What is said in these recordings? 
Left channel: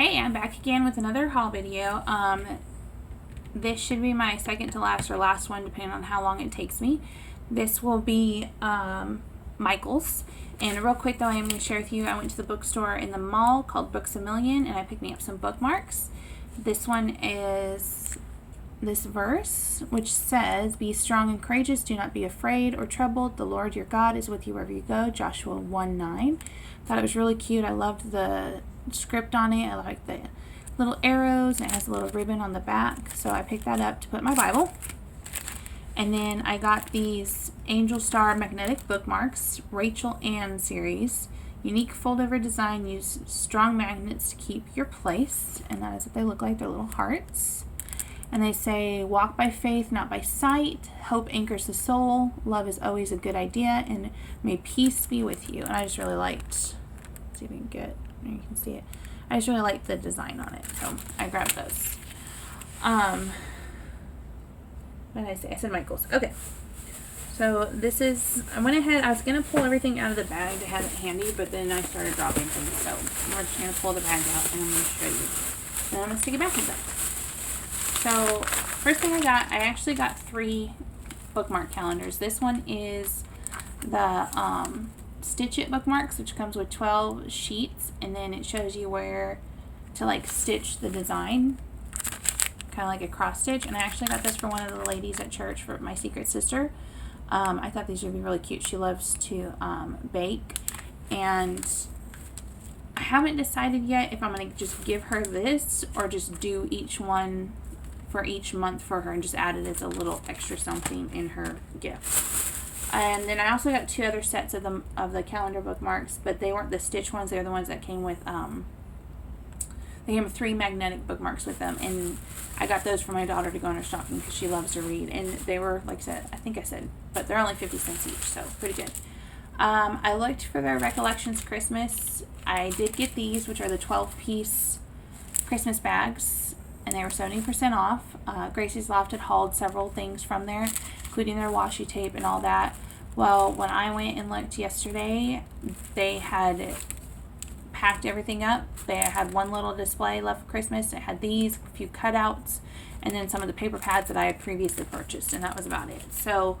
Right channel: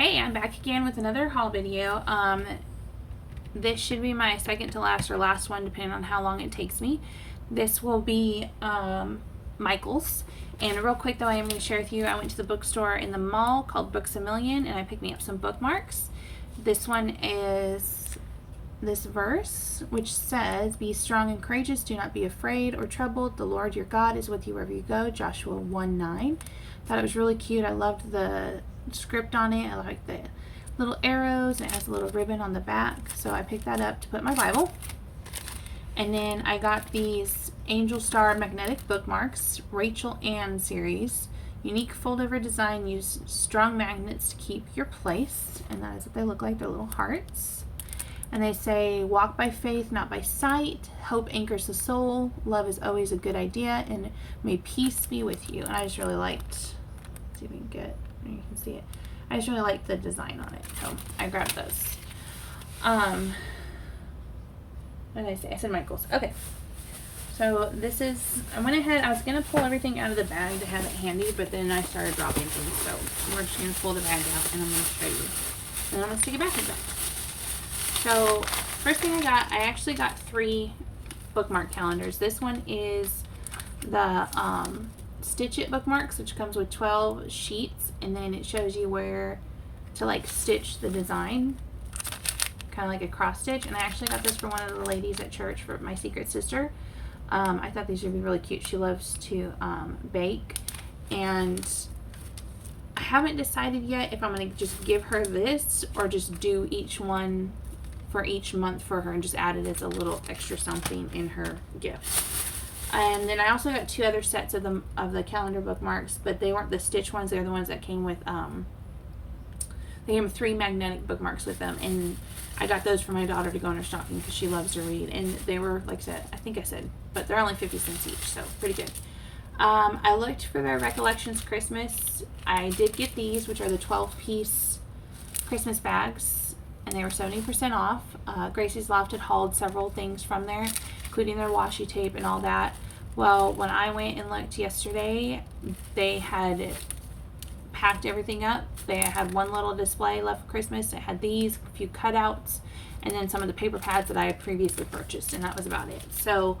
Hey, I'm back again with another haul video. This should be my second to last or last one, depending on how long it takes me. This will be Michael's. And real quick though, I am going to share with you, I went to the bookstore in the mall called Books A Million, and I picked me up some bookmarks. This one is this verse, which says, "Be strong and courageous, do not be afraid or troubled. The Lord your God is with you wherever you go." Joshua 1:9. Thought it was really cute. I loved the script on it. I like the little arrows, and it has a little ribbon on the back. So I picked that up to put in my Bible. And then I got these Angel Star magnetic bookmarks, Rachel Ann series. Unique fold-over design, use strong magnets to keep your place. And that is what they look like. They're little hearts. And they say, "Walk by faith, not by sight. Hope anchors the soul. Love is always a good idea. And may peace be with you." And I just really liked, let's see if we can get, you can see it. I just really liked the design on it. So I grabbed those. What did I say? I said Michael's. Okay. So this is, I went ahead, I was going to pull everything out of the bag to have it handy, but then I started dropping things. So we're just going to pull the bag out and I'm going to show you. And I'm going to stick it back again. So first thing I actually got 3 bookmark calendars. This one is the Stitch It bookmarks, which comes with 12 sheets, and then it shows you where to like stitch the design, kind of like a cross stitch. And I actually got this for one of the ladies at church, for my secret sister. I thought these would be really cute. She loves to bake, and I haven't decided yet if I'm going to just give her this or just do each one for each month for her and just add it as a little extra something in her gift. And then I also got 2 other sets of the calendar bookmarks, but they weren't the stitch ones. They're the ones that came with they came with 3 magnetic bookmarks with them, and I got those for my daughter to go in her stocking because she loves to read. And they were, like I said, but they're only 50 cents each, so pretty good. I looked for their Recollections Christmas. I did get these, which are the 12-piece Christmas bags, and they were 70% off. Gracie's Loft had hauled several things from there, including their washi tape and all that. Well, when I went and looked yesterday, they had packed everything up. They had one little display left for Christmas. It had these, a few cutouts, and then some of the paper pads that I had previously purchased, and that was about it. So,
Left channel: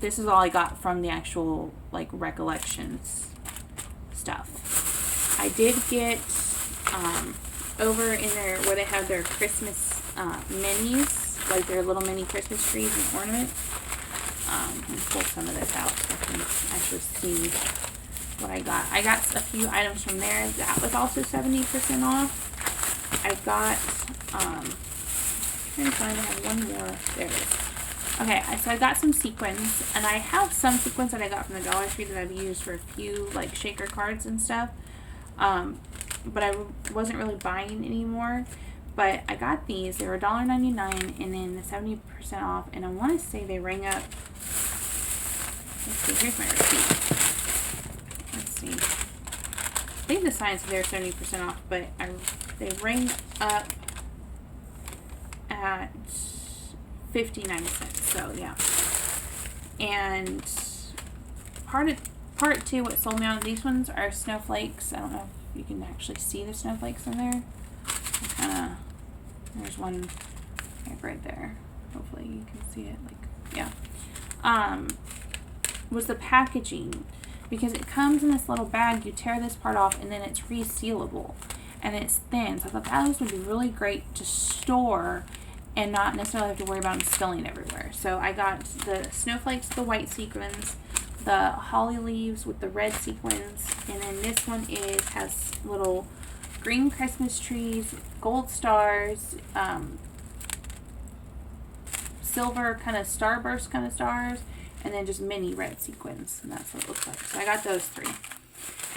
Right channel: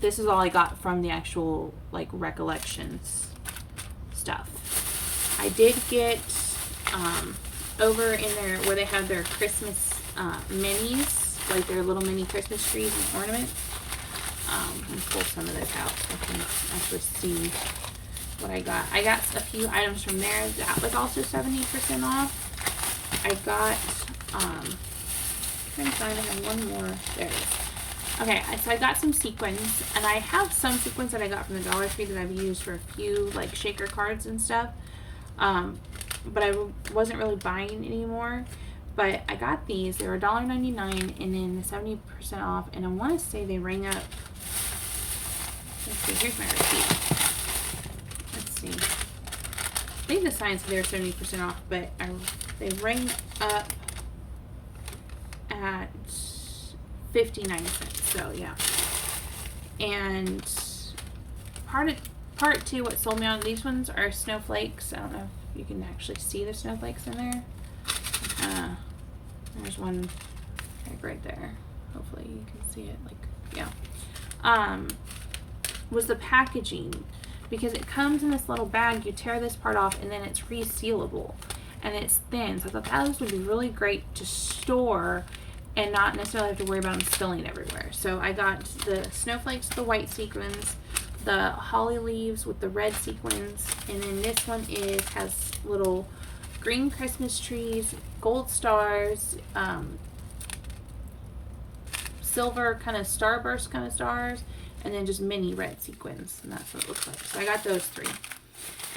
this is all I got from the actual, like, Recollections stuff. I did get, over in there where they have their Christmas minis, like their little mini Christmas trees and ornaments. Let me pull some of this out so I can actually see what I got. I got a few items from there that was also 70% off. I got, I'm trying to find, I have one more. There it is. Okay, so I got some sequins, and I have some sequins that I got from the Dollar Tree that I've used for a few, like, shaker cards and stuff. But I wasn't really buying anymore. But I got these. They were $1.99 and then 70% off. And I want to say they rang up. Let's see, here's my receipt. Let's see. I think the sign said they were 70% off, but they rang up at 59 cents. So yeah. And part 2, what sold me on these ones are snowflakes. I don't know if you can actually see the snowflakes in there. There's one right there. Hopefully you can see it. Like, yeah. Was the packaging, because it comes in this little bag. You tear this part off, and then it's resealable, and it's thin. So I thought this would be really great to store and not necessarily have to worry about them spilling everywhere. So I got the snowflakes, the white sequins, the holly leaves with the red sequins, and then this one has little green Christmas trees, gold stars, silver kind of starburst kind of stars, and then just mini red sequins, and that's what it looks like. So I got those 3.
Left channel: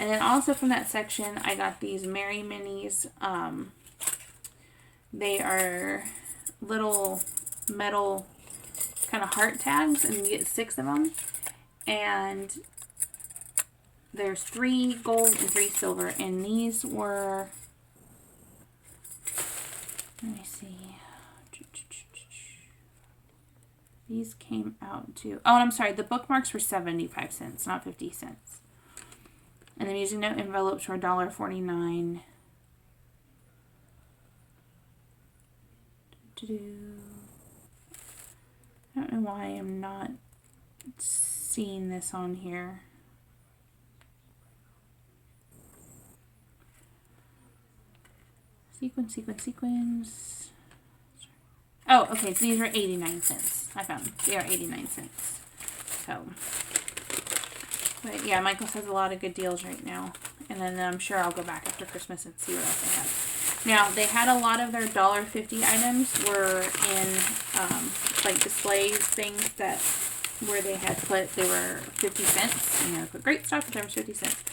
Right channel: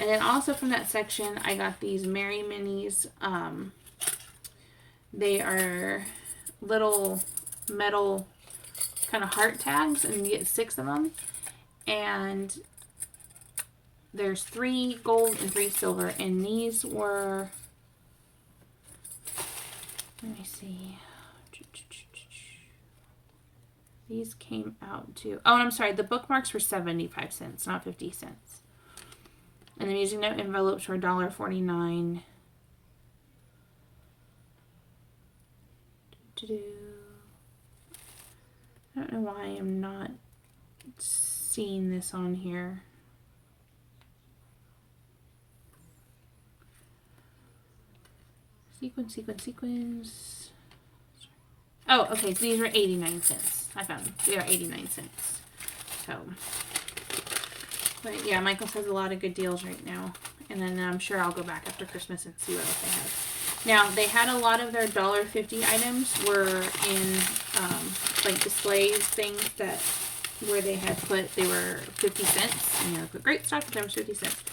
And then also from that section, I got these Merry Minis. They are little metal kind of heart tags, and you get 6 of them. And there's 3 gold and 3 silver, and these were, let me see, these came out to, oh, I'm sorry, the bookmarks were 75 cents, not 50 cents. And the music note envelopes were $1.49 I don't know why I'm not seeing this on here. Sequins. Oh, okay, so these are 89 cents. I found them. They are 89 cents. So, but yeah, Michaels has a lot of good deals right now. And then I'm sure I'll go back after Christmas and see what else they have. Now, they had a lot of their $1.50 items were in, like displays, things that, where they had put, they were 50 cents. And they would put great stock, but there was 50 cents.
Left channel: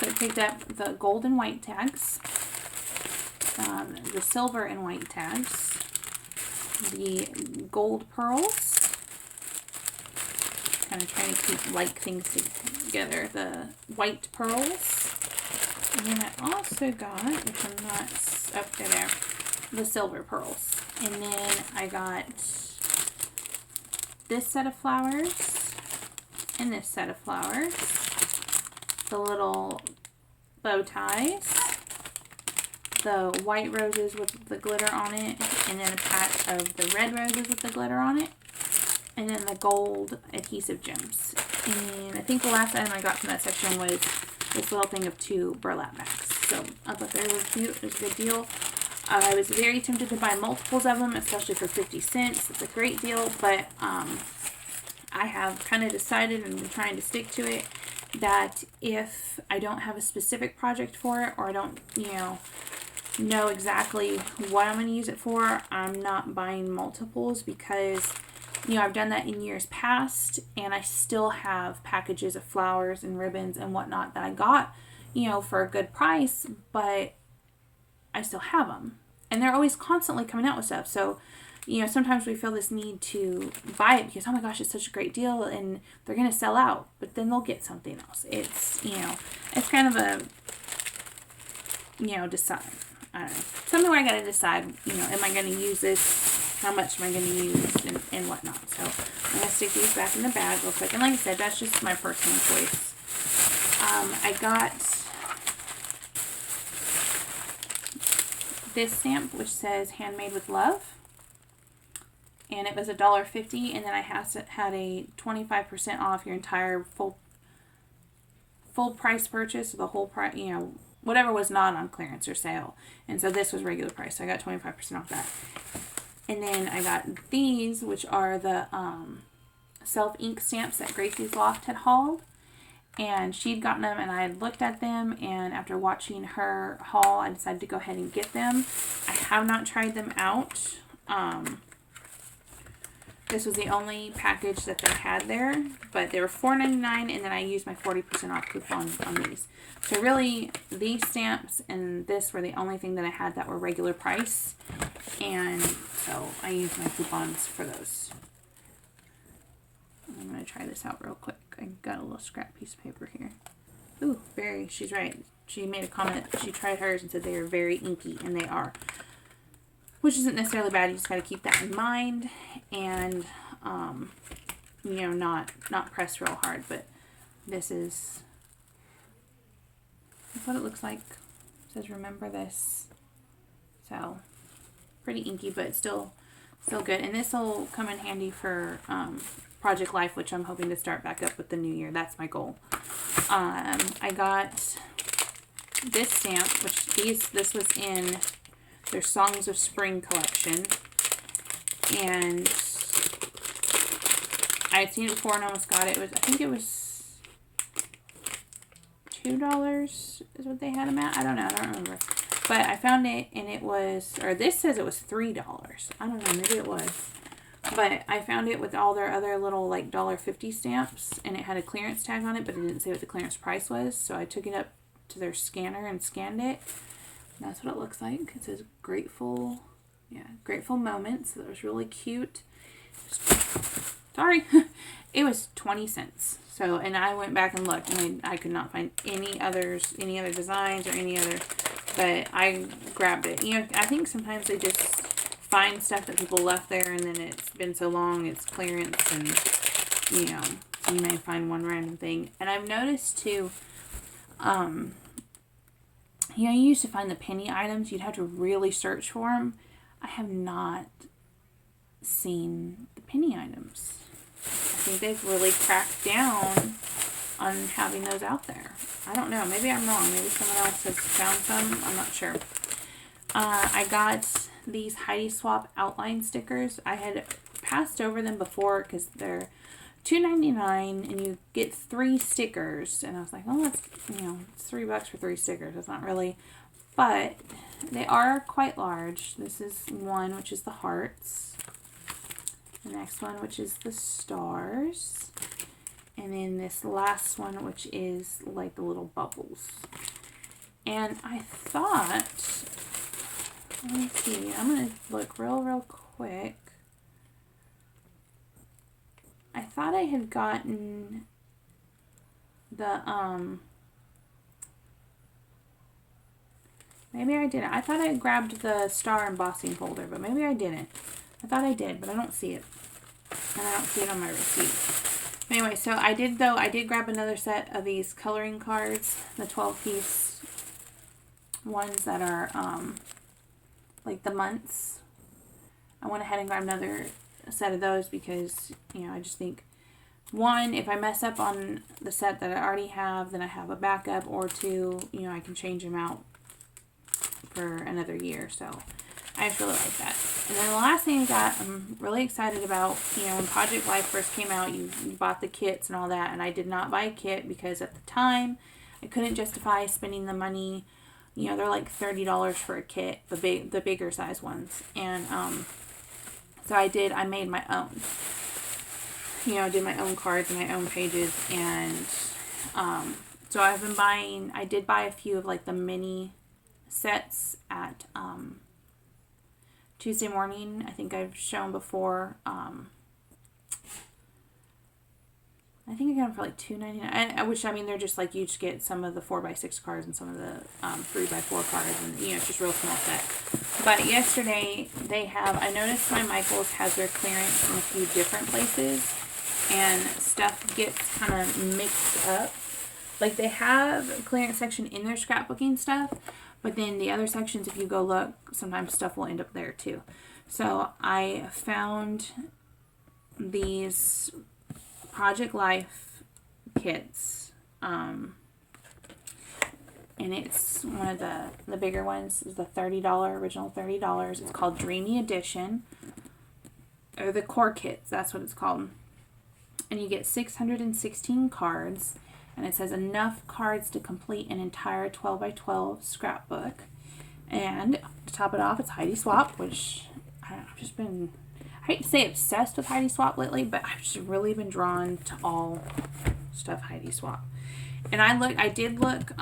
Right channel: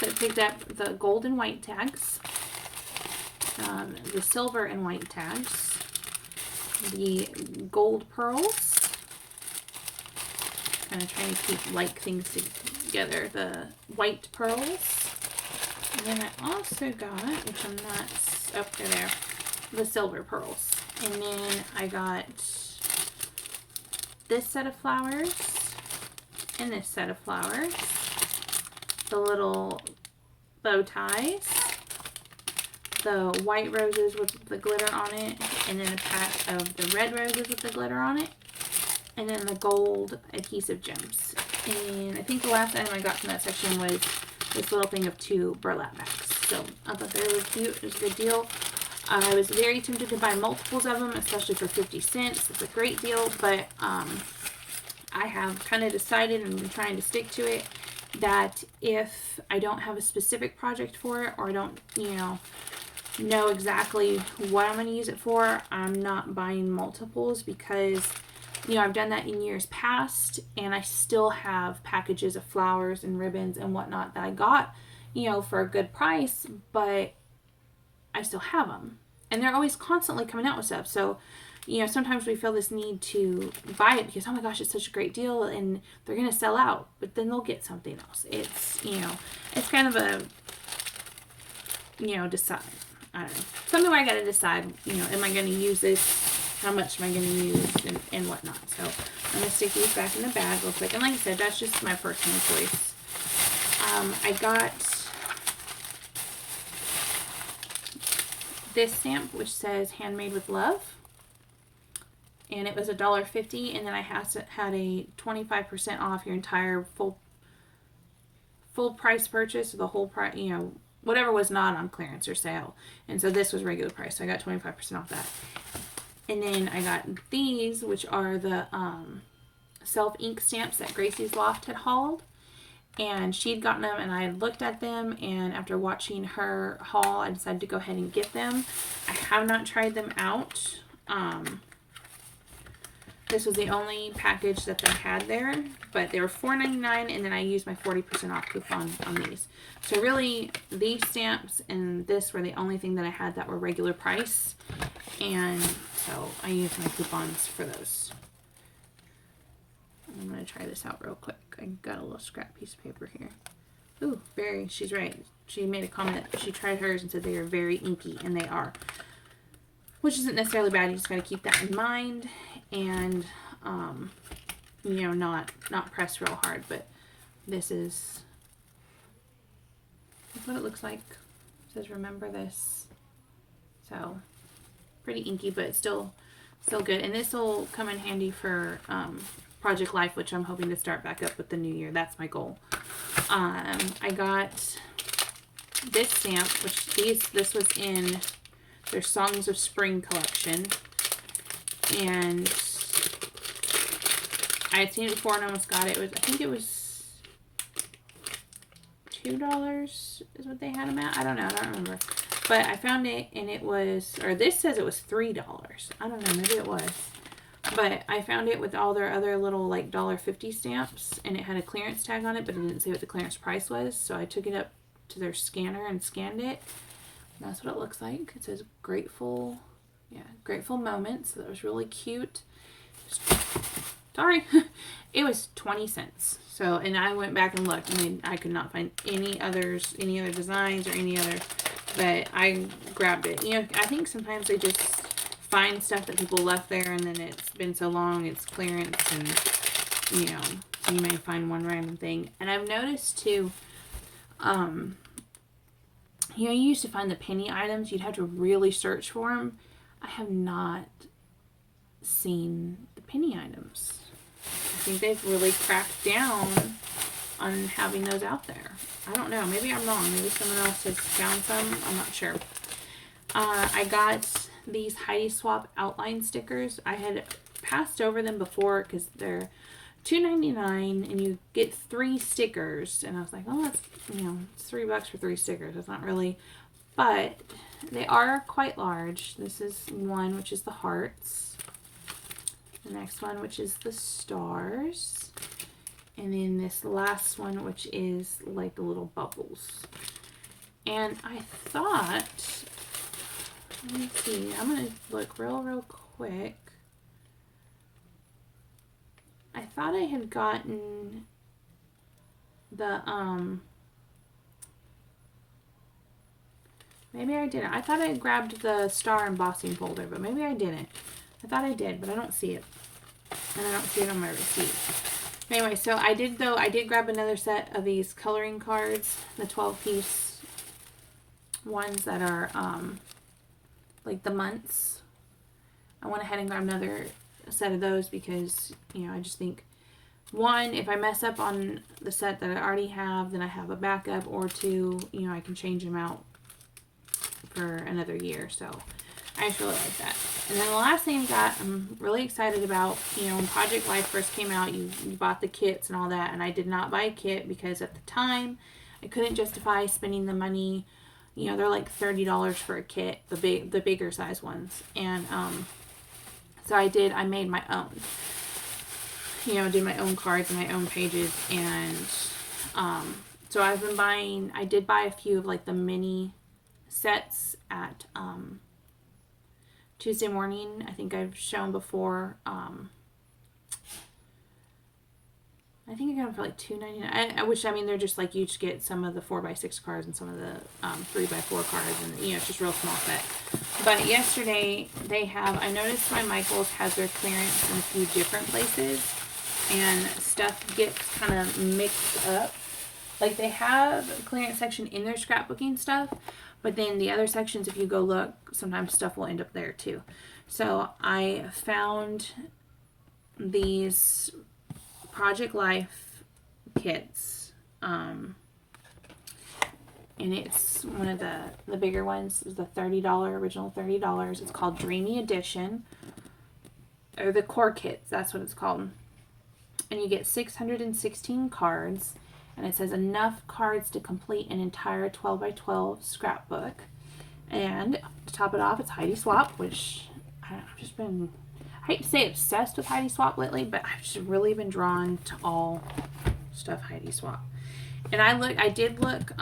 So I picked up the gold and white tags. The silver and white tags, the gold pearls, kind of trying to keep like things together, the white pearls, and then I also got, which I'm not up there, the silver pearls, and then I got this set of flowers and this set of flowers, the little bow ties, the white roses with the glitter on it, and then a pack of the red roses with the glitter on it, and then the gold adhesive gems. And I think the last item I got from that section was this little thing of 2 burlap bags. So I thought they were cute. It was a good deal. I was very tempted to buy multiples of them, especially for 50 cents. It's a great deal, but I have kind of decided, and I'm trying to stick to it, that if I don't have a specific project for it, or I don't, know exactly what I'm going to use it for, I'm not buying multiples, because I've done that in years past, and I still have packages of flowers and ribbons and whatnot that I got for a good price, but I still have them, and they're always constantly coming out with stuff. So sometimes we feel this need to buy it because, oh my gosh, it's such a great deal and they're going to sell out, but then they'll get something else. It's it's kind of a decide, I don't know, something where I gotta decide, am I going to use this? How much am I going to use? And whatnot. So I'm going to stick these back in the bag real quick. And like I said, that's just my personal choice. I got this stamp, which says handmade with love. And it was $1.50. And then I had a 25% off your entire full price purchase. The whole price, whatever was not on clearance or sale. And so this was regular price, so I got 25% off that. And then I got these, which are the self-ink stamps that Gracie's Loft had hauled. And she'd gotten them, and I looked at them, and after watching her haul, I decided to go ahead and get them. I have not tried them out. This was the only package that they had there, but they were $4.99, and then I used my 40% off coupon on these. So really, these stamps and this were the only thing that I had that were regular price, and so I used my coupons for those. I'm going to try this out real quick. I got a little scrap piece of paper here. Ooh, she's right. She made a comment. She tried hers and said they are very inky, and they are. Which isn't necessarily bad. You just got to keep that in mind, and not press real hard. But this is what it looks like. It says remember this. So pretty inky, but still good. And this will come in handy for Project Life, which I'm hoping to start back up with the new year. That's my goal. I got this stamp, which this was in their Songs of Spring collection, and I had seen it before and almost got it. I think it was $2 is what they had them at. I don't know. I don't remember. But I found it, and it was, or this says it was $3. I don't know. Maybe it was. But I found it with all their other little like $1.50 stamps, and it had a clearance tag on it, but it didn't say what the clearance price was. So I took it up to their scanner and scanned it. And that's what it looks like. It says grateful moments. So that was really cute. Sorry. It was 20 cents. So, and I went back and looked, and I could not find any other designs or any other, but I grabbed it. I think sometimes they just find stuff that people left there, and then it's been so long, it's clearance, and, so you may find one random thing. And I've noticed, too, you used to find the penny items, you'd have to really search for them. I have not seen the penny items. I think they've really cracked down on having those out there. I don't know. Maybe I'm wrong. Maybe someone else has found some. I'm not sure. I got these Heidi Swapp outline stickers. I had passed over them before because they're $2.99 and you get 3 stickers. And I was like, oh, that's, you know, it's $3 for 3 stickers. That's not really, but they are quite large. This is one, which is the hearts. The next one, which is the stars. And then this last one, which is like the little bubbles. And I thought, let me see, I'm going to look real quick. I thought I had gotten the, maybe I didn't. I thought I had grabbed the star embossing folder, but maybe I didn't. I thought I did, but I don't see it. And I don't see it on my receipt. Anyway, so I did grab another set of these coloring cards, the 12-piece ones that are, like the months. I went ahead and grabbed another set of those because, you know, I just think, one, if I mess up on the set that I already have, then I have a backup, or 2, you know, I can change them out for another year. So I just really like that. And then the last thing I got, I'm really excited about, you know, when Project Life first came out, you bought the kits and all that, and I did not buy a kit because at the time I couldn't justify spending the money. You know, they're like $30 for a kit, the bigger size ones. And so I made my own. You know, did my own cards and my own pages, and so I've been buying, I did buy a few of like the mini sets at Tuesday Morning. I think I've shown before. I think I got them for like $2.99. Which, I mean, they're just like, you just get some of the 4x6 cards and some of the 3x4 cards, and, you know, it's just real small set. But yesterday, I noticed my Michaels has their clearance in a few different places, and stuff gets kind of mixed up. Like, they have a clearance section in their scrapbooking stuff, but then the other sections, if you go look, sometimes stuff will end up there too. So I found these Project Life kits, and it's one of the bigger ones. Is the original $30. It's called Dreamy Edition, or the core kits. That's what it's called. And you get 616 cards, and it says enough cards to complete an entire 12x12 scrapbook. And to top it off, it's Heidi Swapp, which I've just been, I hate to say obsessed with Heidi Swapp lately, but I've just really been drawn to all stuff Heidi Swapp. And I did look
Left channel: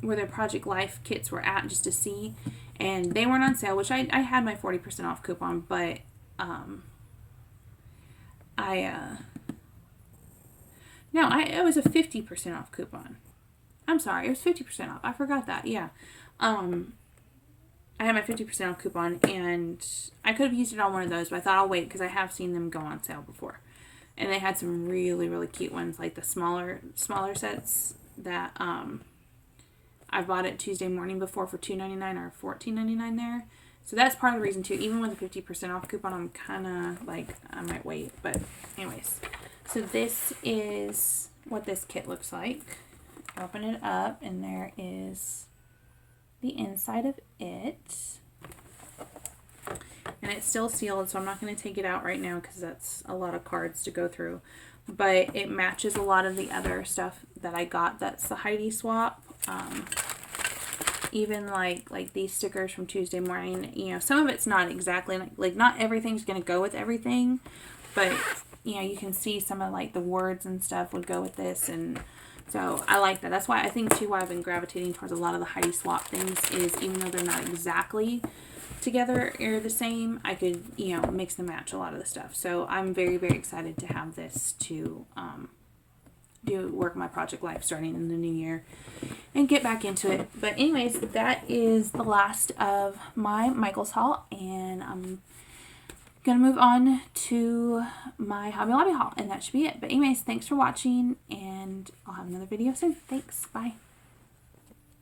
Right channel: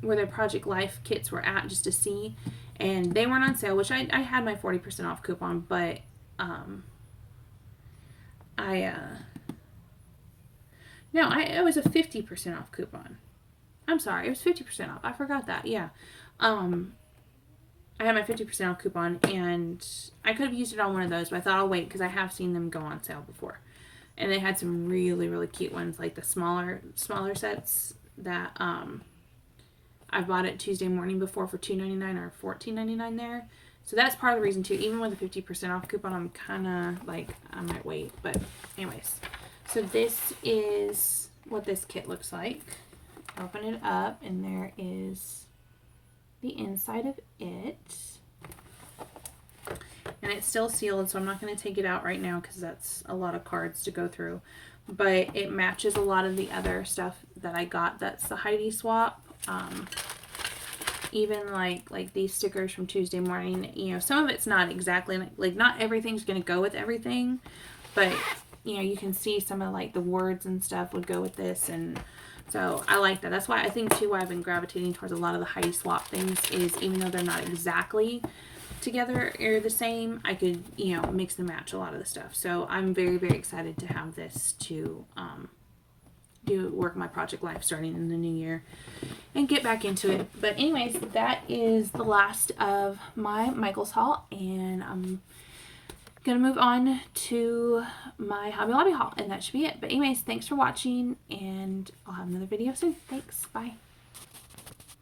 where their Project Life kits were at just to see, and they weren't on sale, which I had my 40% off coupon, but it was a 50% off coupon. I'm sorry, it was 50% off. I forgot that. Yeah. I had my 50% off coupon, and I could have used it on one of those, but I thought I'll wait because I have seen them go on sale before. And they had some really, really cute ones, like the smaller sets that I bought at Tuesday Morning before for $2.99 or $14.99 there. So that's part of the reason too. Even with a 50% off coupon, I'm kind of like, I might wait. But anyways, so this is what this kit looks like. Open it up, and there is the inside of it. And it's still sealed, so I'm not going to take it out right now because that's a lot of cards to go through. But it matches a lot of the other stuff that I got. That's the Heidi Swapp. Even like these stickers from Tuesday Morning, you know, some of it's not exactly, like not everything's going to go with everything. But, you know, you can see some of like the words and stuff would go with this, and so I like that. That's why I think too why I've been gravitating towards a lot of the Heidi Swapp things is, even though they're not exactly together or the same, I could, you know, mix and match a lot of the stuff. So I'm very, very excited to have this to work my Project Life starting in the new year and get back into it. But anyways, that is the last of my Michaels haul, and I'm gonna move on to my Hobby Lobby haul, and that should be it. But anyways, thanks for watching, and I'll have another video soon. Thanks. Bye.